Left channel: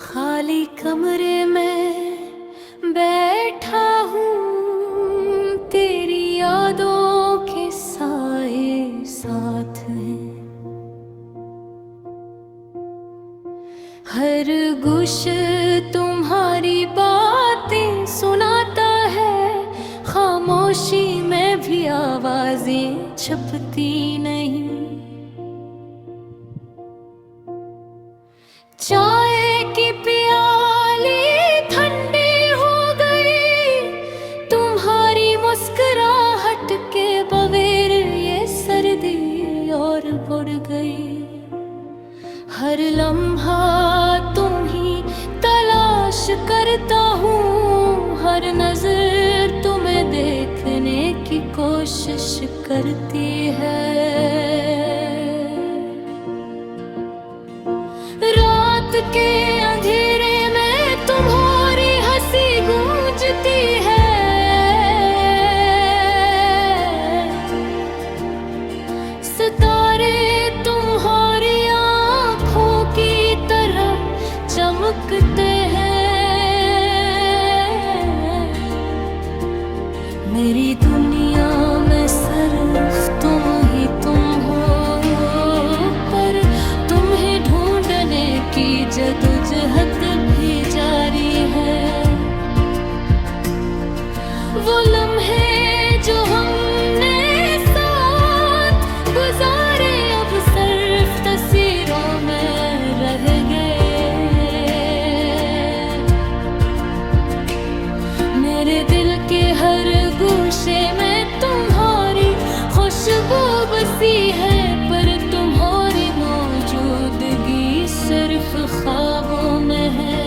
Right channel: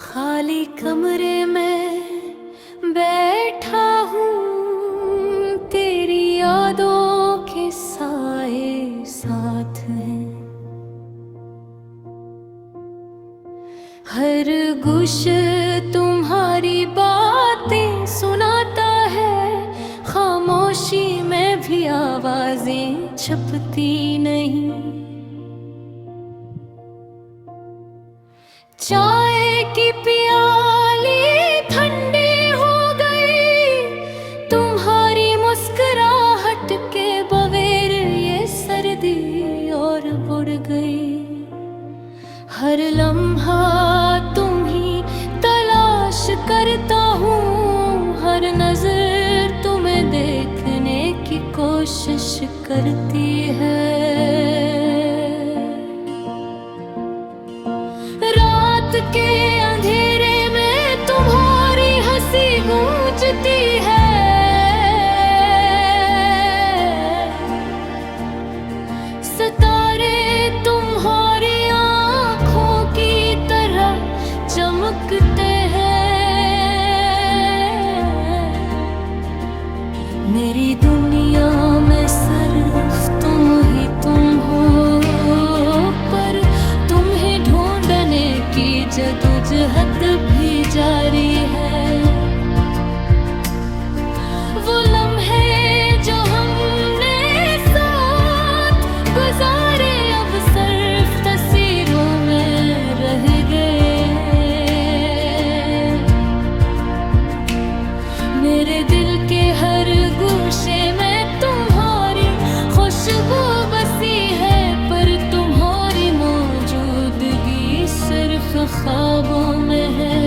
खाली कमरे में बैठा हूँ, तेरी यादों के साए साथ हैं। हर गुश तुम्हारी बातें सुनाता है, खामोशी में भी आवाजें छपती नहीं। चाय की प्याली ठंडी हो गई, तुम्हारी मुस्कुराहट के बगैर ये सर्दी और बढ़ गई। हर लम्हा तुम ही तलाश करता हूँ, हर नजर तुम्हें देखने की कोशिश करती है। रात के अंधेरे में तुम्हारी हंसी गूंजती है, सितारे तुम्हारी आंखों की तरह चमकते हैं। मेरी दुनिया में सिर्फ तुम हो, पर तुम्हें ढूंढने की जदोजहद भी जारी है। वो लम्हे जो हमने साथ गुजारे अब सिर्फ तस्वीरों में रह गए। मेरे दिल के हर गोशे में तुम्हारी खुशबू बसी है, पर तुम्हारी मौजूदगी सिर्फ ख्वाबों में है।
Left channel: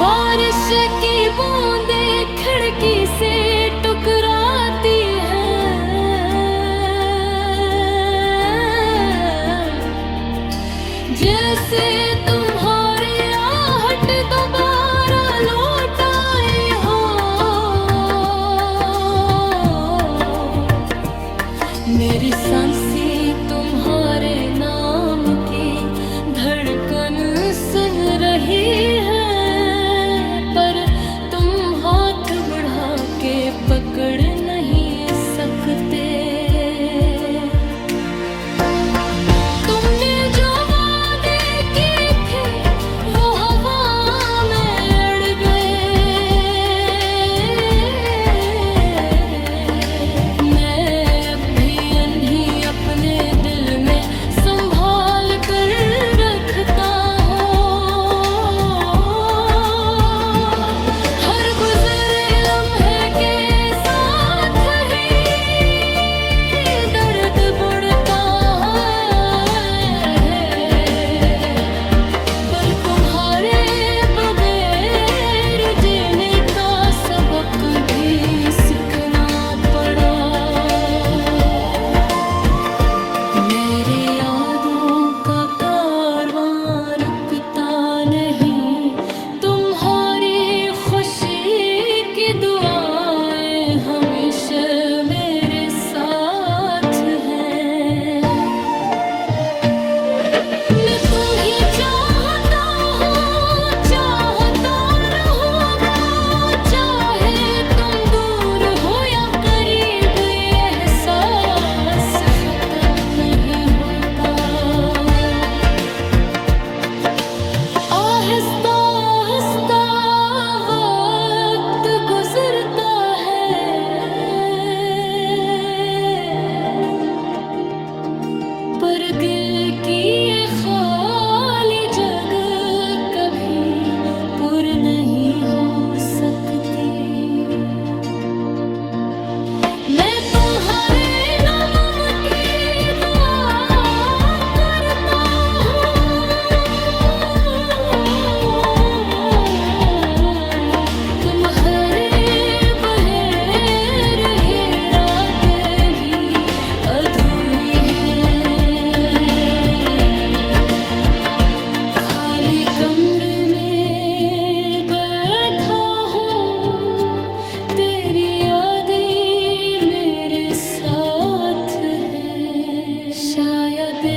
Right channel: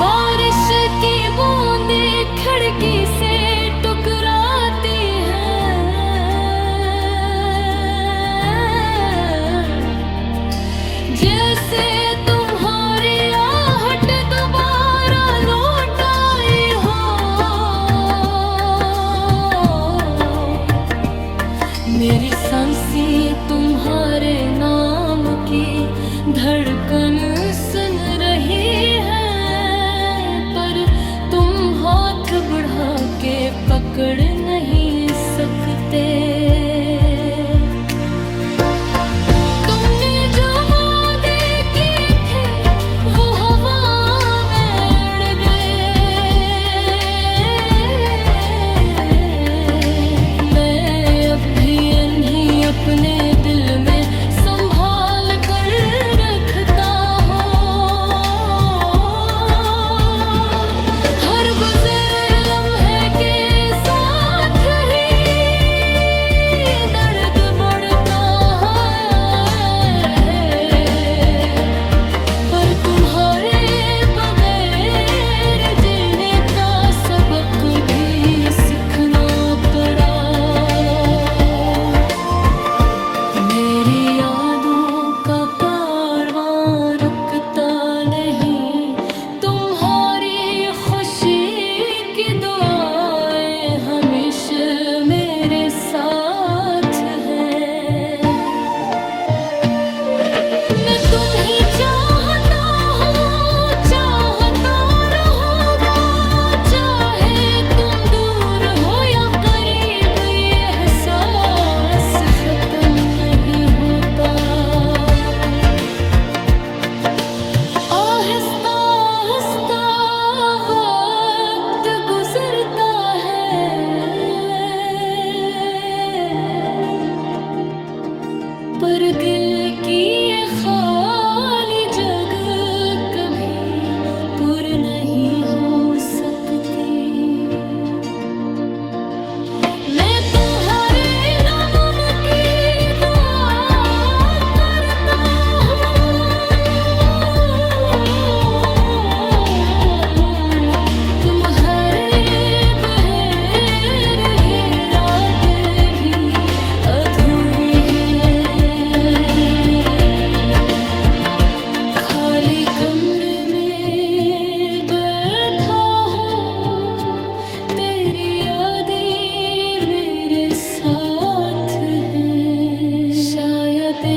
बारिश की बूंदें खिड़की से टकराती हैं, जैसे तुम्हारी आहट दोबारा लौट आई हो। मेरी सांसें तुम्हारे नाम की धड़कन सुन रही है, पर तुम हाथ बढ़ा के पकड़ नहीं सकते। तुमने जो वादे किए थे वो हवा में अड़ गए। मैं अब भी इन्हीं अपने दिल में संभाल कर रखता हूँ। हर गुजरे लम्हे के साथ ही दर्द बढ़ता है, पर तुम्हारे बगैर जीने का सबक भी सीखना पड़ा। मेरी यादों का कारवां रुकता नहीं, तुम्हारी खुशी की दुआएं हमेशा मेरे साथ हैं। मैं तुम ही चाहता हूँ, चाहता रहूँगा, चाहे तुम दूर हो या करीब, ये एहसास खत्म नहीं होता। आहिस्ता आहिस्ता वक्त गुजरता है, पर दिल की ये खाली जगह कभी पुर नहीं हो सकती। मैं तुम्हारे नाम की दुआ करता हूँ, तुम्हारे बगैर ये रात भी अधूरी है। खाली कमरे में बैठा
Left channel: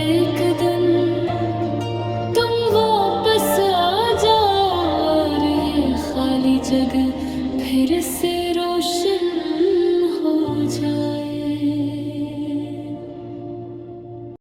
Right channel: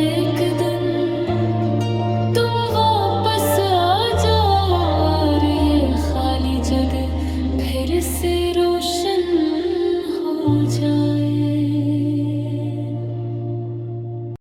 एक दिन तुम वापस आ जाओ और ये खाली जगह फिर से रोशन हो जाए।